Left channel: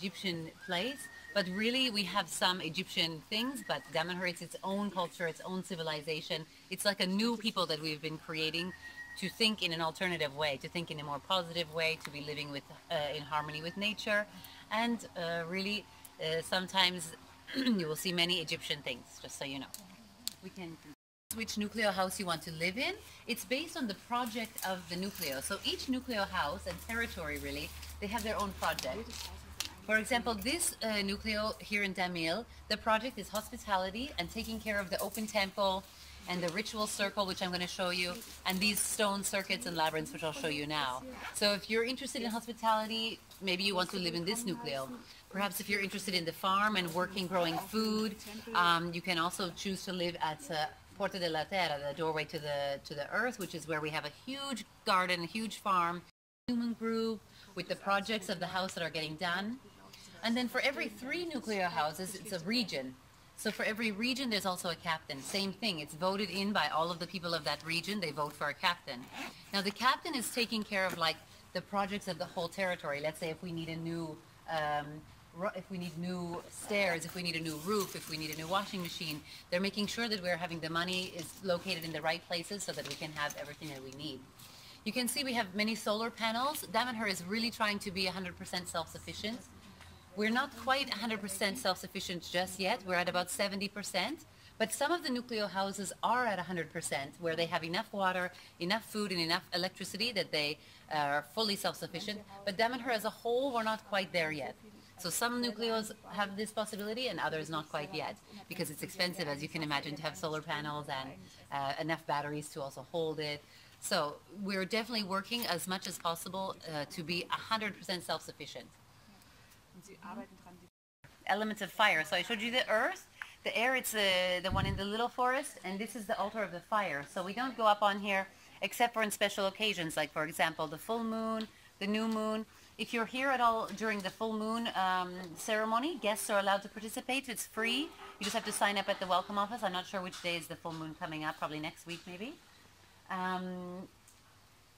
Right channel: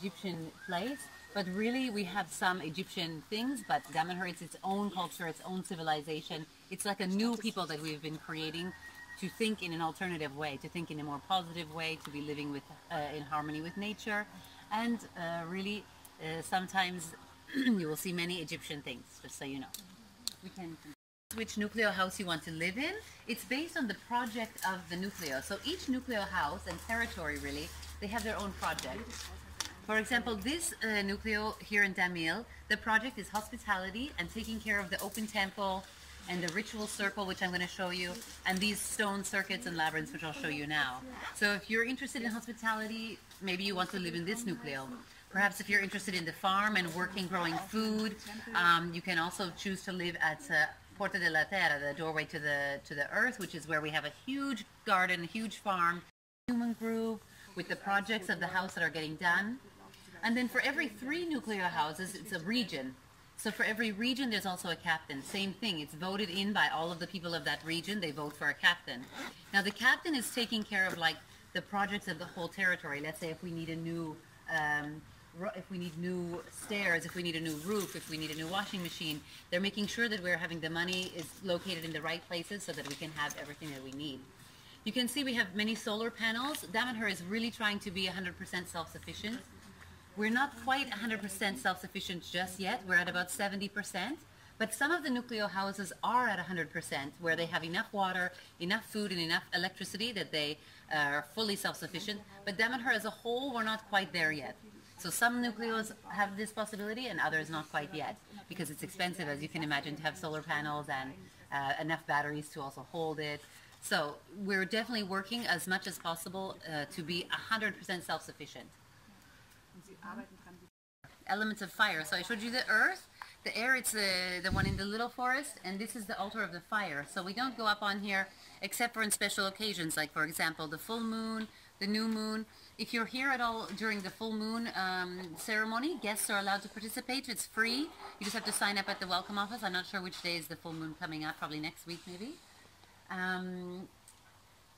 Egyptian place, but really we have some Egyptian things, but Damanhur, it's its own culture, its own civilization. It's like a new people that we've been creating to think in an alternative way, to think in a more positive way, to be living with in harmony with nature, and really sometimes you will see many Egyptian things, just so you know. We can which nucleo house you want to live in. It's based on the project of the nucleo. So each nucleo house and territory, really, they have their own project. For example, this nucleo here in Damil, the project is hospitality and taking care of the open temple and the ritual circle, which I'm going to show you, and these stone circuits and labyrinths, which I'll show you now. So if you're interested in hospitality, maybe you want to live in this nucleo. Perhaps if you're interested in the farm and working, growing food, you can also choose to live at Porta della Terra, the doorway to the earth, which is where we have a huge garden, a huge farm, human group with the projects of the house that are getting done. And then for every 3 nucleo houses, it's a region. So for every region, there's also a captain. Same thing, it's voted in by all of the people of that region. They vote for a captain. Now the captain is taking care of like the projects of the whole territory. Let's say if we need a new stairs, if we need a new roof, if we need a new washing machine, they're making sure that we're having the money is located in the right places so that we can have everything that we need. You can see we have many solar panels. Damanhur is really trying to be 100% self-sufficient. We're not quite 100% self-sufficient just yet. We're at about 70%. But some of the nucleo houses are at 100%, where they have enough water, enough food, and enough electricity that they are fully self-sufficient. But Damanhur as a whole, we're not quite there yet. So some nucleos have this possibility and others not quite yet, because it's expensive, as you can imagine, to have solar panels and enough batteries to also hold it. So we're definitely working as much as possible to be 100% self-sufficient. Elements of fire. So I showed you the earth, the air, it's the one in the little forest, and this is the altar of the fire. So we don't go up on here except for in special occasions, like for example the full moon, the new moon. If you're here at all during the full moon ceremony, guests are allowed to participate. It's free. You just have to sign up at the welcome office. I'm not sure which day is the full moon coming up, probably next week maybe.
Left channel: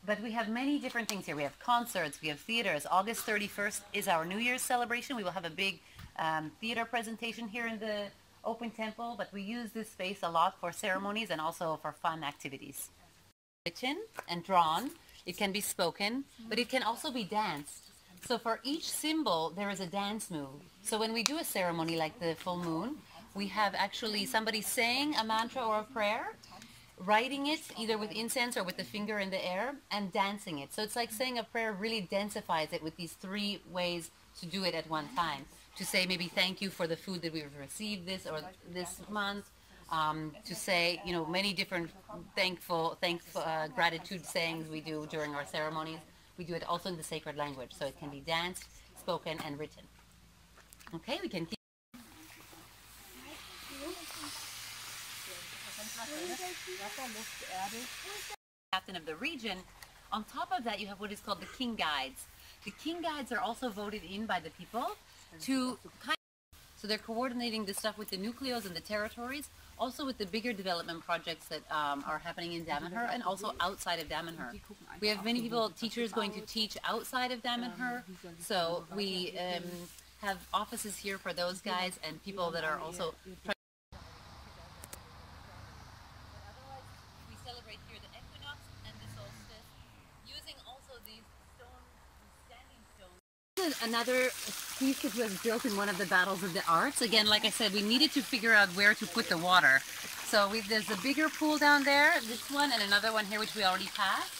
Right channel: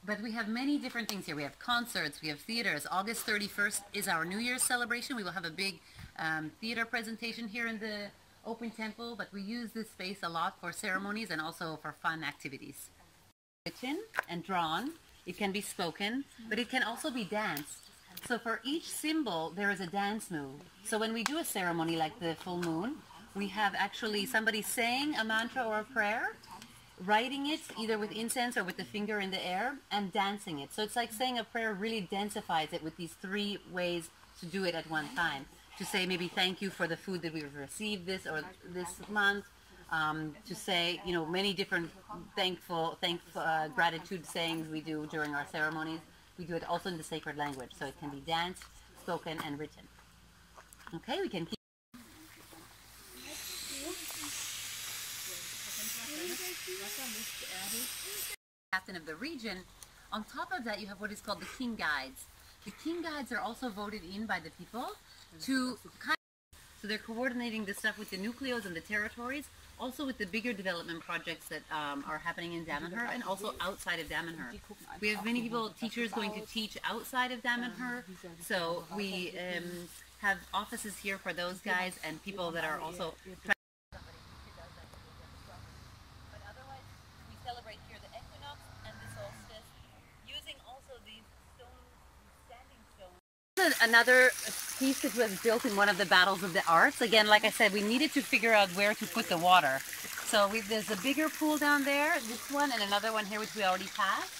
But we have many different things here. We have concerts, we have theaters. August 31st is our New Year's celebration. We will have a big theater presentation here in the open temple, but we use this space a lot for ceremonies and also for fun activities. Written and drawn, it can be spoken, but it can also be danced. So for each symbol, there is a dance move. So when we do a ceremony like the full moon, we have actually somebody saying a mantra or a prayer, writing it either with incense or with the finger in the air, and dancing it. So it's like saying a prayer really densifies it with these 3 ways to do it at one time. To say maybe thank you for the food that we've received this month. To say, you know, many different gratitude sayings we do during our ceremonies. We do it also in the sacred language, so it can be danced, spoken, and written. Okay, we can keep. Captain of the region. On top of that, you have what is called the king guides. The king guides are also voted in by the people to so they're coordinating the stuff with the nucleos and the territories, also with the bigger development projects that are happening in Damanhur and also outside of Damanhur. We have many teachers going to teach outside of Damanhur, so we have offices here for those guys and people that are also trying. We celebrate here the equinox and the solstice, using also these standing stones. Another piece that was built in one of the battles of the arts. Again, like I said, we needed to figure out where to put the water. So there's a bigger pool down there, this one, and another one here which we already passed,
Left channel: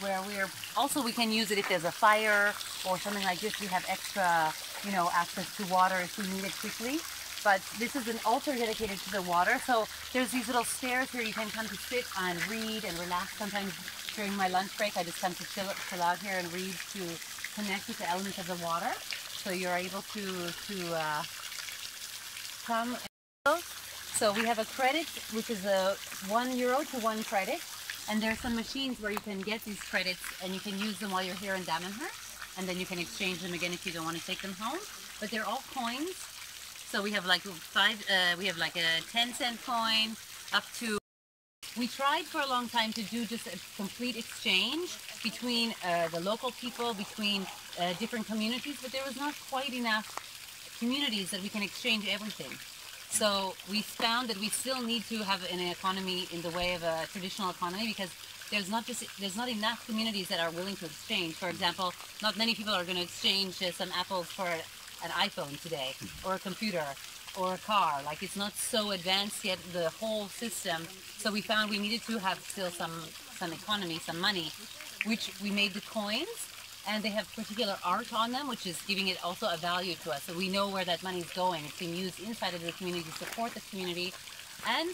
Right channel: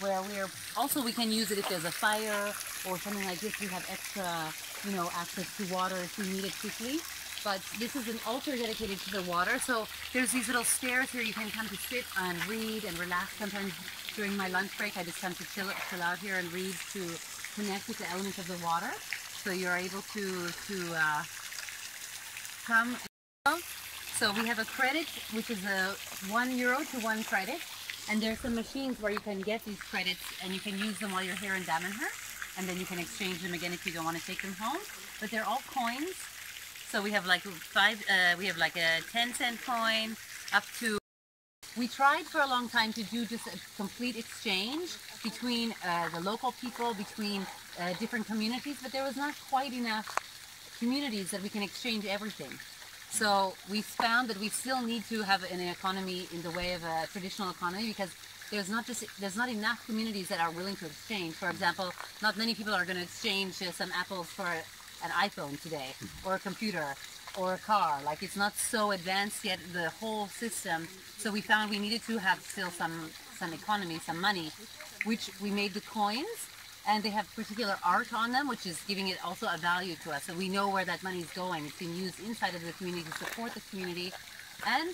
where we can use it if there's a fire or something like this. We have extra, you know, access to water if we need it quickly. But this is an altar dedicated to the water. So there's these little stairs where you can come to sit and read and relax. Sometimes during my lunch break, I just come to chill out here and read to connect with the elements of the water. So you're able to come. So we have a credit, which is a €1 to 1 credit. And there's some machines where you can get these credits and you can use them while you're here in Damanhur. And then you can exchange them again if you don't want to take them home. But they're all coins. So we have like we have like a 10-cent coin up to. We tried for a long time to do just a complete exchange, between the local people, between different communities, but there was not quite enough communities that we can exchange everything. So we found that we still need to have an economy in the way of a traditional economy, because there's not enough communities that are willing to exchange. For example, not many people are going to exchange some apples for an iPhone today, or a computer, or a car. Like, it's not so advanced yet, the whole system. So we found we needed to have still some economy, some money, which we made the coins, and they have particular art on them, which is giving it also a value to us. So we know where that money is going. It's being used inside of the community to support the community, and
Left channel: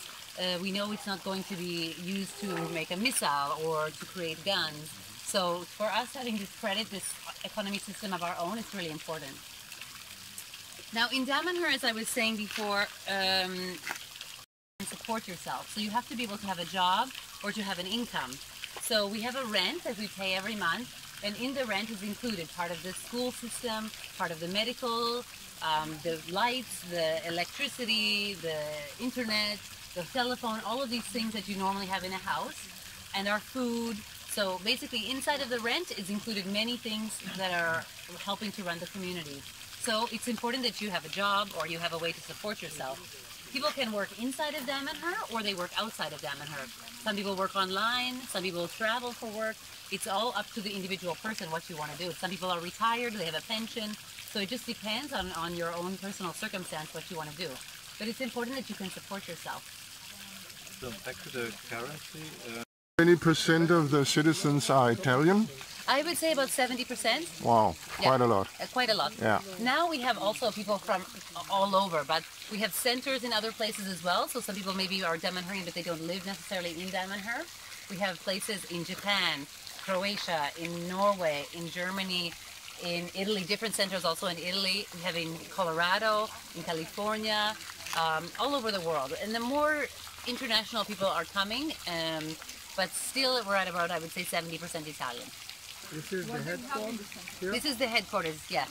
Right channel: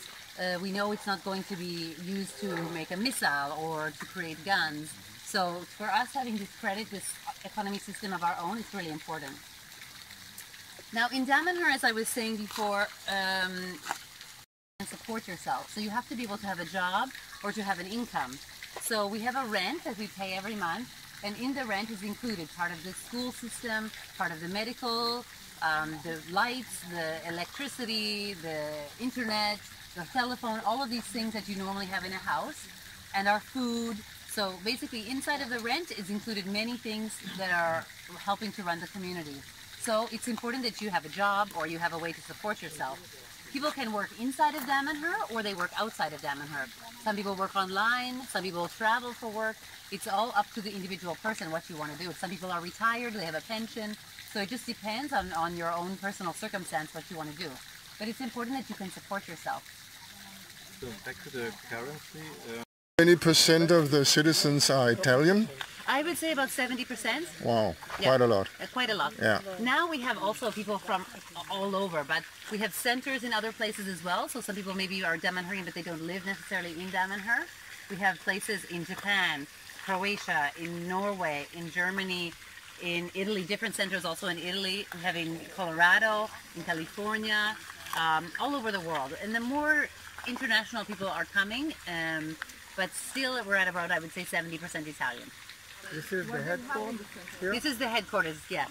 we know it's not going to be used to make a missile or to create guns. So for us, having this credit, this economy system of our own, is really important. Now in Damanhur, as I was saying before, support yourself. So you have to be able to have a job or to have an income. So we have a rent that we pay every month, and in the rent is included part of the school system, part of the medical, the lights, the electricity, the internet, the telephone, all of these things that you normally have in a house, and our food. So basically inside of the rent is included many things that are helping to run the community. So it's important that you have a job or you have a way to support yourself. People can work inside of Damanhur or they work outside of Damanhur. Some people work online, some people travel for work. It's all up to the individual person what you want to do. Some people are retired, they have a pension. So it just depends on your own personal circumstance what you want to do. But it's important that you can support yourself. So back to the currency. How many percent of the citizens are Italian? I would say about 70%. Wow, quite a lot. Quite a lot. Yeah. Now we have also people from all over, but we have centers in other places as well. So some people maybe are Damanhurian, but they don't live necessarily in Damanhur. We have places in Japan, Croatia, in Norway, in Germany, in Italy, different centers also in Italy. We have in Colorado, in California, all over the world. And the more international people are coming, but still we're at about, I would say, 70% Italian. This is the headquarters here? This is the headquarters, yes.